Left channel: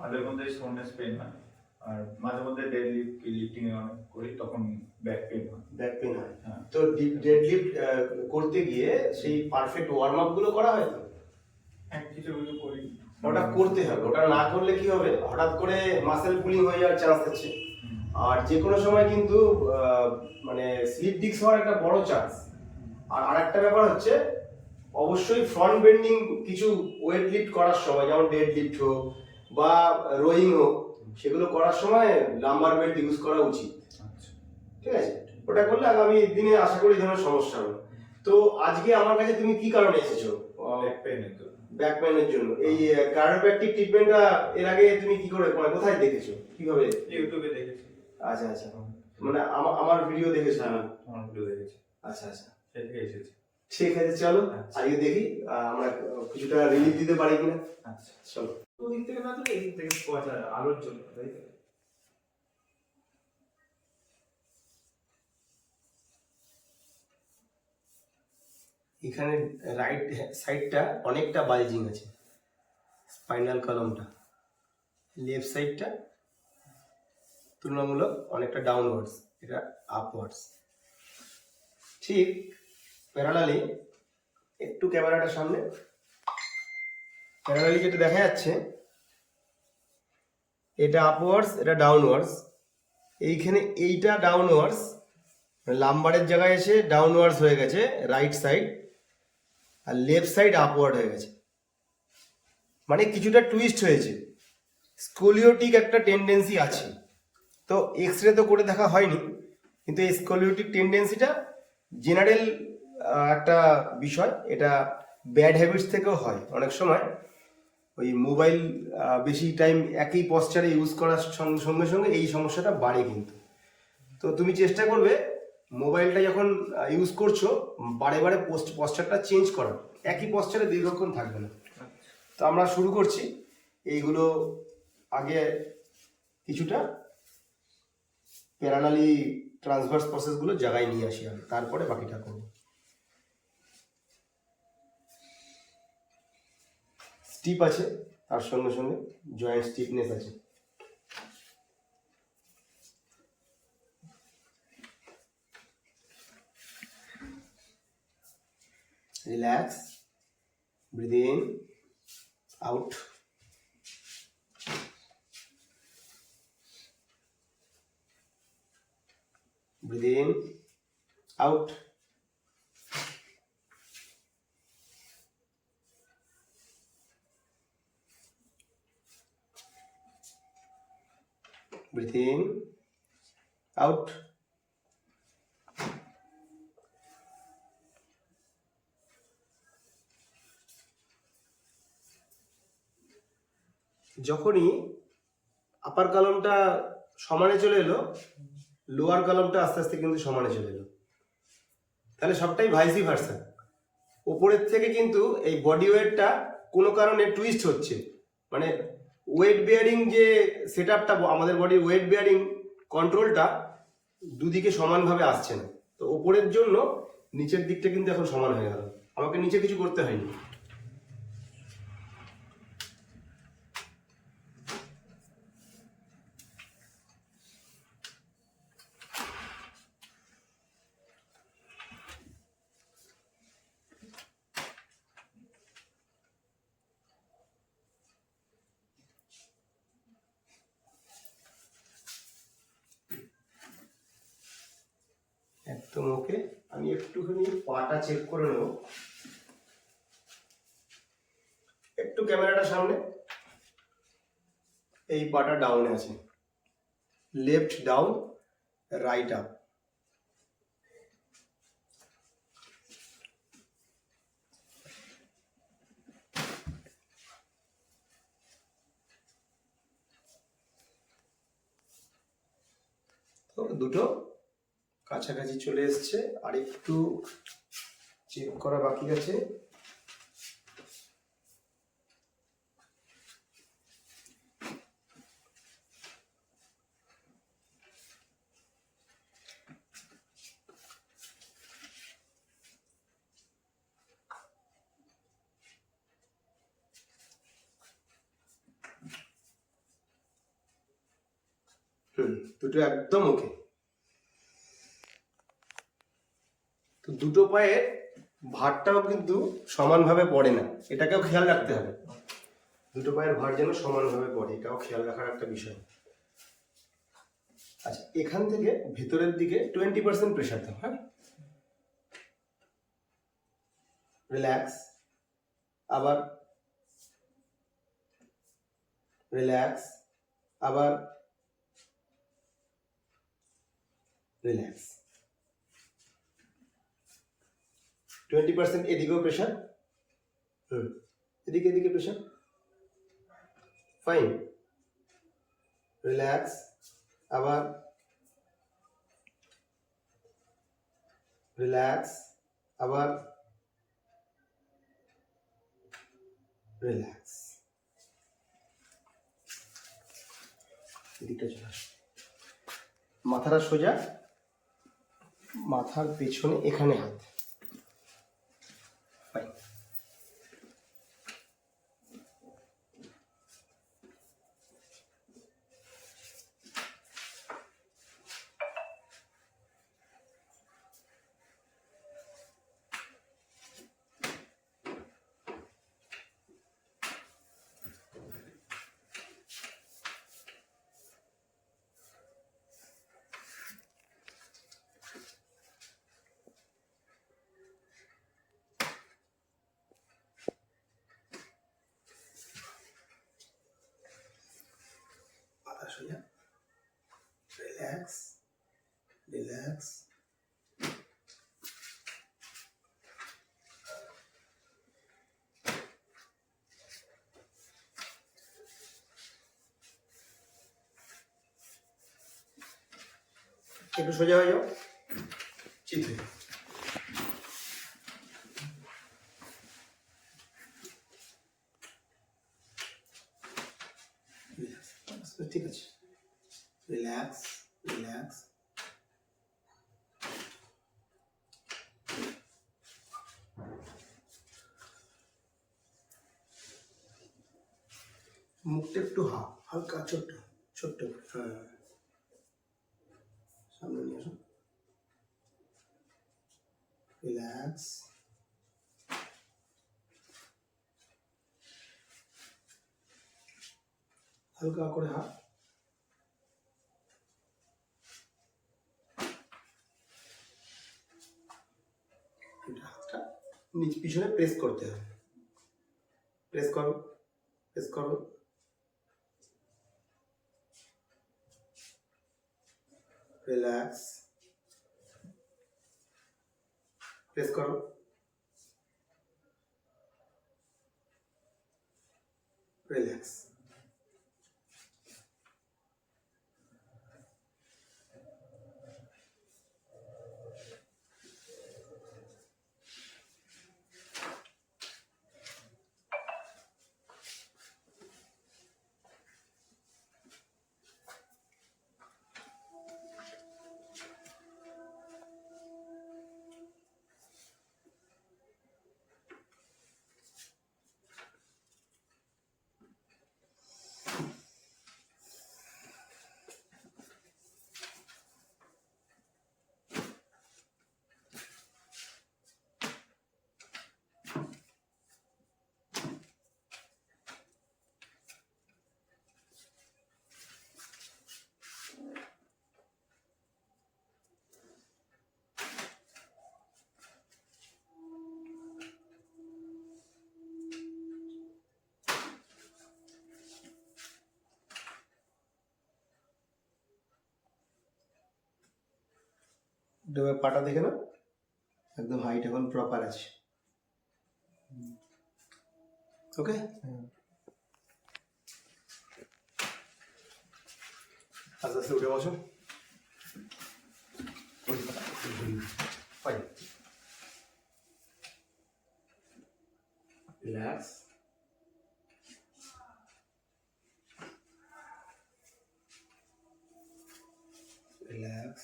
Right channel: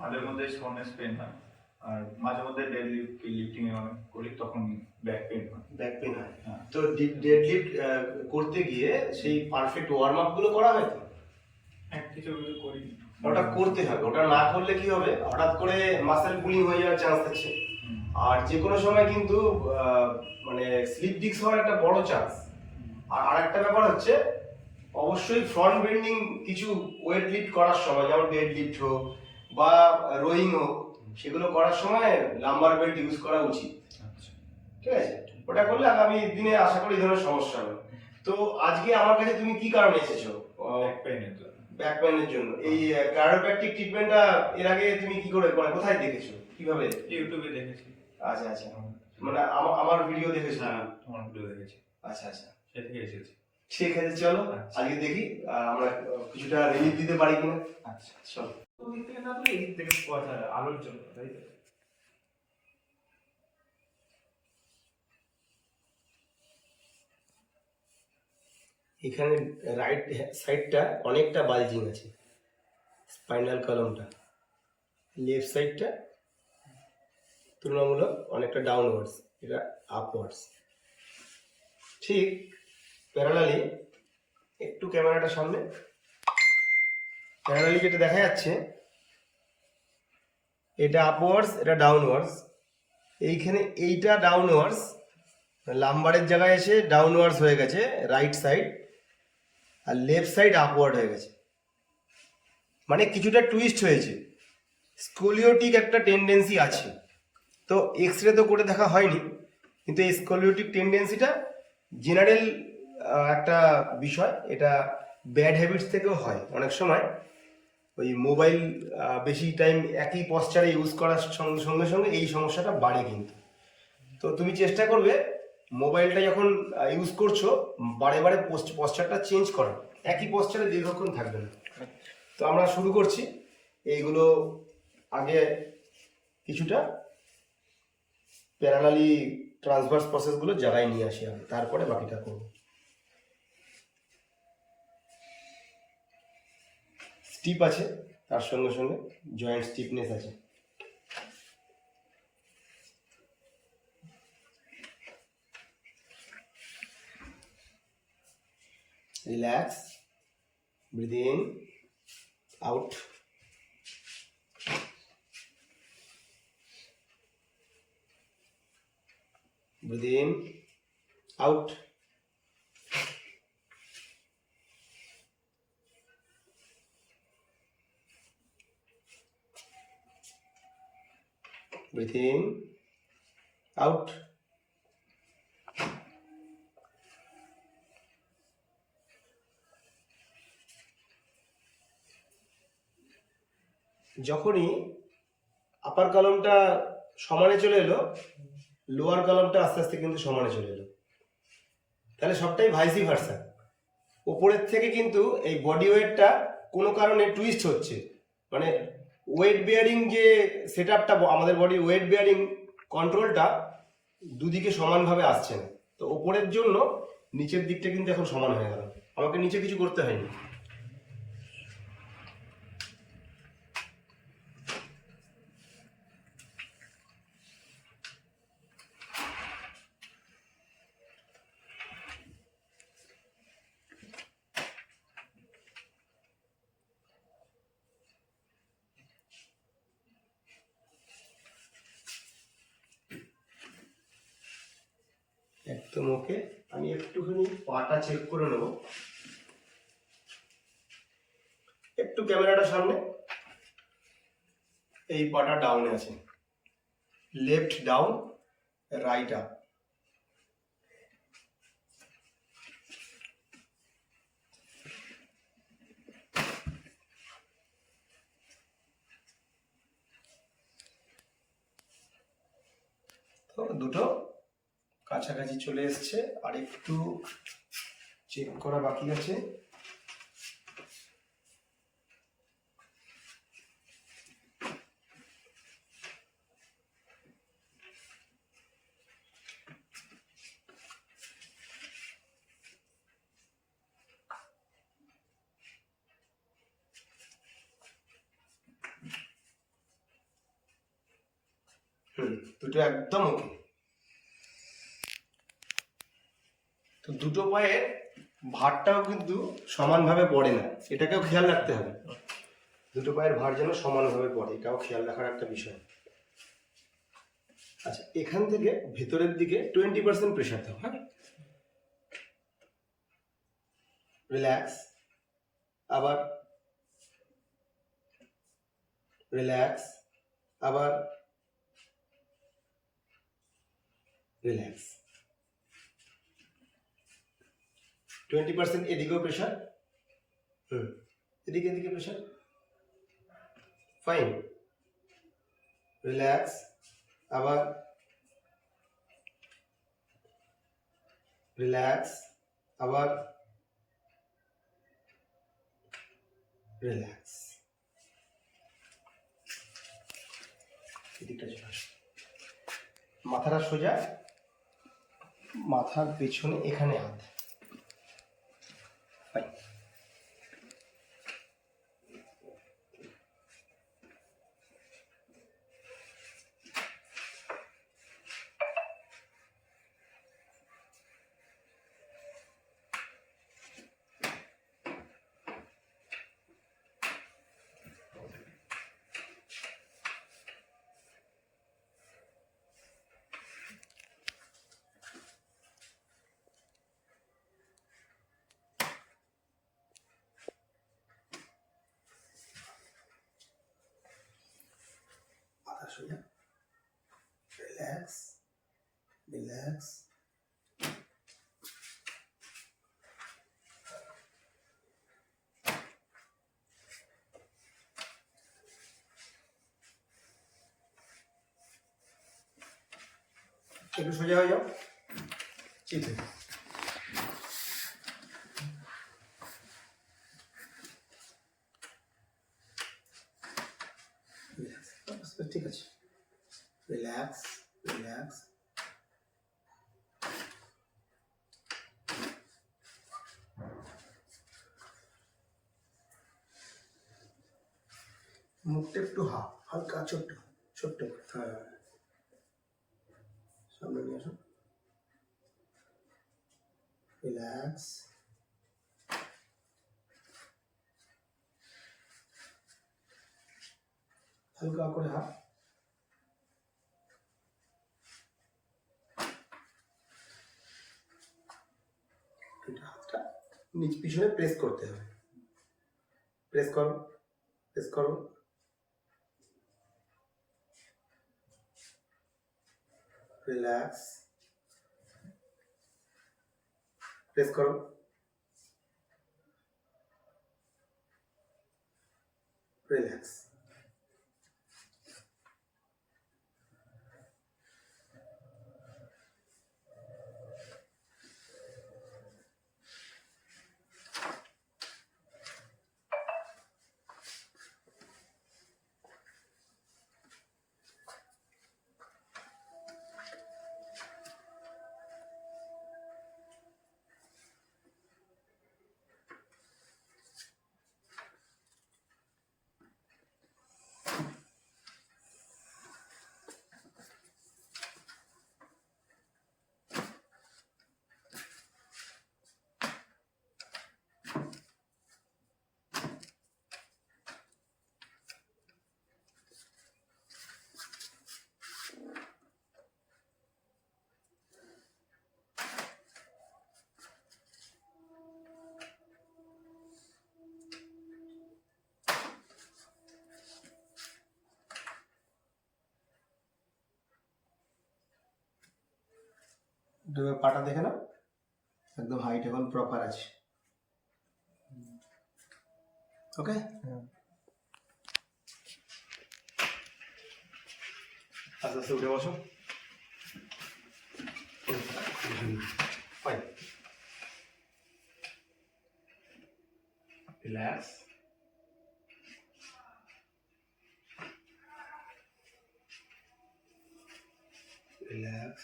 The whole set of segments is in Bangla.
মাঝে মধ্যে সোনেস পেন হয়, আর মাঝে মধ্যে ডেড লিফটিং করি তখন ব্যাক পেন হয়। ব্যাক পেন হয়। হ্যাঁ। তো ডেড লিফট করতে গিয়ে সেই পারফেক্ট ওয়ার্ম আপ গুলো করা হয় তো? কিছু কিছু করি। ওটা করতে হবে, ওটা না করলে কি হবে, হঠাৎ করে মাসেল পুলিং হয়ে যাওয়ার চান্স আছে। আর যে কোনো সময় কিন্তু মানে স্লিপ ডিস্ক হওয়ার একটা বড় চান্স। আর আরেকটা ব্যাপার হচ্ছে, অবশ্যই ফ্রন্ট বেন্ডিং কিছু ওয়েট লিফট করার সময়, যেমন ডেড লিফট হোক বা রোয়িং হোক, সেগুলো করার সময় লাম্বার বেল্ট ইউজ করা উচিত। ঠিক আছে, ওটা করলে আগামী দিনে আশা করি এই ধরনের সমস্যা হবে। তো আজকে আমার কাছে তুমি কি কারণে এসেছো? ব্যাক পেইনের জন্য। এই কার্ডিওপ্যাকটিক ট্রিটমেন্টটা এর আগে তুমি কি করে, মানে কোথায় দেখেছো, কিভাবে? ইউটিউবে দেখেছি। আচ্ছা আচ্ছা, মানে আমার ভিডিও দেখেছো? হ্যাঁ, তোমার ভিডিও দেখেছি। আচ্ছা আচ্ছা, সেদিকে এসেছি। ঠিক আছে, চলো আজকে দেখি আমরা কিছুটা রিলিফ দিতে পারি কিনা। আচ্ছা, চলো। ওদিক থেকে না তুলে এদিক থেকে আলোর জন্য, তাই তো? এখানে রাইট সাইডটা অনেকটা বালজিং আছে, স্পাইনাল কলামটা। লেফট সাইডটা তুলনামূলক অনেকটা ডাউনওয়ার্ডস, এটা আপওয়ার্ডস। ঠিক প্যারালালি, একটু ক্যামেরাটার সামনে, প্যারালালি যেটা দেখা যাচ্ছে এটা আপওয়ার্ডস, এটা ডাউনওয়ার্ডস। এইখানে এইটা ডাউনওয়ার্ডস, লাম্বারের জায়গায় এসে ডাউনওয়ার্ডস হয়ে গেছে রাইট সাইড, আর লেফট সাইড আপওয়ার্ড হয়ে গেছে, মানে কিছুটা টুইস্ট হয়েছে। স্কোলিওটিক একটা টেন্ডেন্সি আছে। তো এক্স-রে তো করে দেখা হয়নি, কিন্তু এই স্কোলিওটিক টেন্ডেন্সিটা জেনারেল একটা বিষয়। এটা ব্যাড হ্যাবিটস থেকেও হয় অনেক সময়। ওই মোবাইল বেশি টাইম একই পশ্চারে ইউজ করার সঙ্গে সঙ্গে এই সমস্যাটা বাড়ে কিন্তু। তো তুমি চেষ্টা করবে মোবাইলটা যখন ইউজ করছো বারে বারে পশ্চারটা চেঞ্জ করার, একই পশ্চারে দীর্ঘক্ষণ থাকবে না। তো আমরা শুরু করছি। এইগুলো আগে কিছুটা প্যারালালি ট্রান্সভার্স প্রসেসগুলো জায়গায় নিয়ে আসি আগে, তারপরে বাকিটা করব। স্টিপ আছে, তার সঙ্গে সঙ্গে জয়েন্ট স্টিফনেস আছে। Relax, breathe in, out. Breathe in, out. Breathe in, out. যখনই আপার কলামটা সমানে চলে এলো, লোয়ার কলামটা আস্তে আস্তে কিন্তু সমানে চলে এলো। তাহলে সবটাই ভাইসি ভার্সা। ওপরের থেকে কিন্তু এই বডি ওয়েটটা কোনো কারণে টুইস্ট হচ্ছে, মানে ওয়েট বেয়ারিং যে সেট আপটা, আমাদের বডির ওয়েট বেয়ারিং কন্ট্রোলটা দুদিকে সমানভাবে আসছে না। তো ওপরের জন্য নিচের দিকটা কিন্তু এখন সমান হয়ে গেল, আমাকে নিচে কিছু করতে হয়নি। একদম ওকে। আমি একটুখানি পাটা চেক করে নেব, একটু ক্যামেরাটা সামনে। এই পাটা ডাউনে আছে, লেফট ডাউন, রাইট আপ। তো দুটো কাছাকাছি চলে এসছে, আর একটু চেক করা বাকি আছে। দুটো একদম ওকে। তো দুটো পায়ের ভারটাও কিন্তু সমানভাবে পড়ে না, এটাকেও খেয়াল রাখতে হবে। দুটো পায়ের ভার যেন সমানভাবে পড়ে, এটাও খেয়াল রাখার একটা বিষয়। আচ্ছা, এখান থেকে ভেতরের দিকে 20% প্রেশার দাও। হ্যাঁ, রিল্যাক্স, আবার রিল্যাক্স, আবার রিল্যাক্স। 20% এদিকেও প্রেশার, এদিকে এদিকে প্রেশার, ফাইন। রিল্যাক্স, আবার রিল্যাক্স, আবার রিল্যাক্স। এদিকটা চলে আসো, মাথাটা সোজা, মাথার পেছনে এখানে হাত। ফাইন। মাথা সোজা, রিল্যাক্স, রিল্যাক্স, একটু সোজা হয়ে যাও, চিত হয়ে যাও। ঠিক আছে, রিল্যাক্স, রিল্যাক্স, মুখটা একটু হালকা ছোট্ট ছোট্ট করে, হ্যাঁ, সামনে নিয়ে আসো, রিল্যাক্স, হালকা করে হাত, হাতটা নিচ পিছনে প্রেস করতে হবে, প্রেস করো, প্রেস করো, রিল্যাক্স, প্রেস করো, রিল্যাক্স। পাটা দেখে না, একদম হাইট এখন প্রপার আছে। ওকে, আস্তে আস্তে উঠে বসো, ফাইন, রিল্যাক্স, রিল্যাক্স,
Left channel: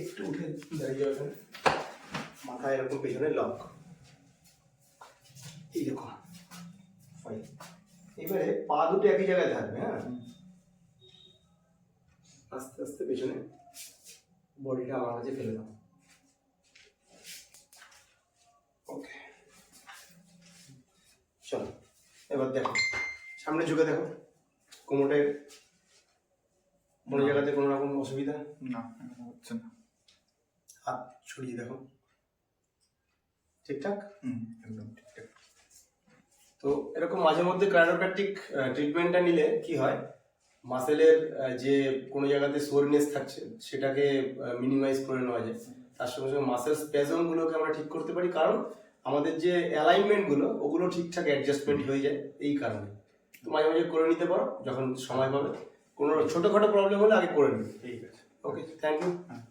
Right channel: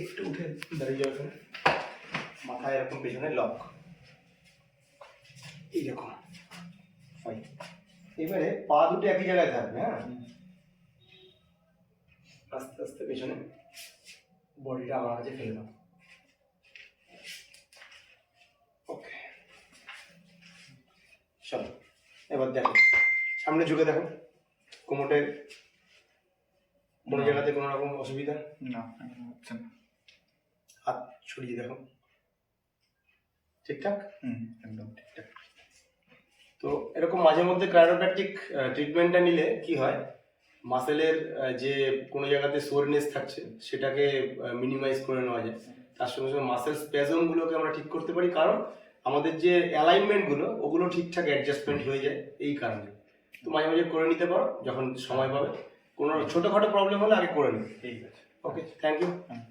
একটু উঠে দাঁড়িয়ে যাও, মাথা এরকম পেছনে লক, এইরকম ফাইন। এবারে পা দুটো একই জায়গায় থাকবে, হ্যাঁ, আস্তে আস্তে পেছনে বডিটা আমার কাছে ফেলে দাও। ওকে, চলো এবার দেখো, সামনে ঝুঁকে দেখো, কোমরটায় কোনো জায়গাতে কোনো রকম অসুবিধা? না, এখন হচ্ছে না। হাত ছড়িয়ে দেখো, ঠিকঠাক। একদম ঠিকঠাক। তো এরকম মাঝে মধ্যে ক্রায়োপ্র্যাকটিক ট্রিটমেন্টটা নিলে কি হয়, মাসেলের যে কোনো জায়গাতে সোরনেস থাকছে সেটাকে মিনিমাইজ করে নেওয়া যায়। তার সঙ্গে সঙ্গে মাসেল স্প্যাজমগুলোকে আমরা ঠিক করতে পারি, কারণ আমাদের যে অ্যালাইনমেন্টগুলো ওগুলো ঠিকঠাক অ্যাডজাস্টমেন্ট হয়ে যায় এই কারণে। তো মাঝে মাঝে করে নিতে পারো যখন সময় পাবে। কোনো ছোটোখাটো প্রবলেম হলে আগে করে নিই। ঠিক আছে। ওকে, থ্যাংক ইউ। হ্যাঁ।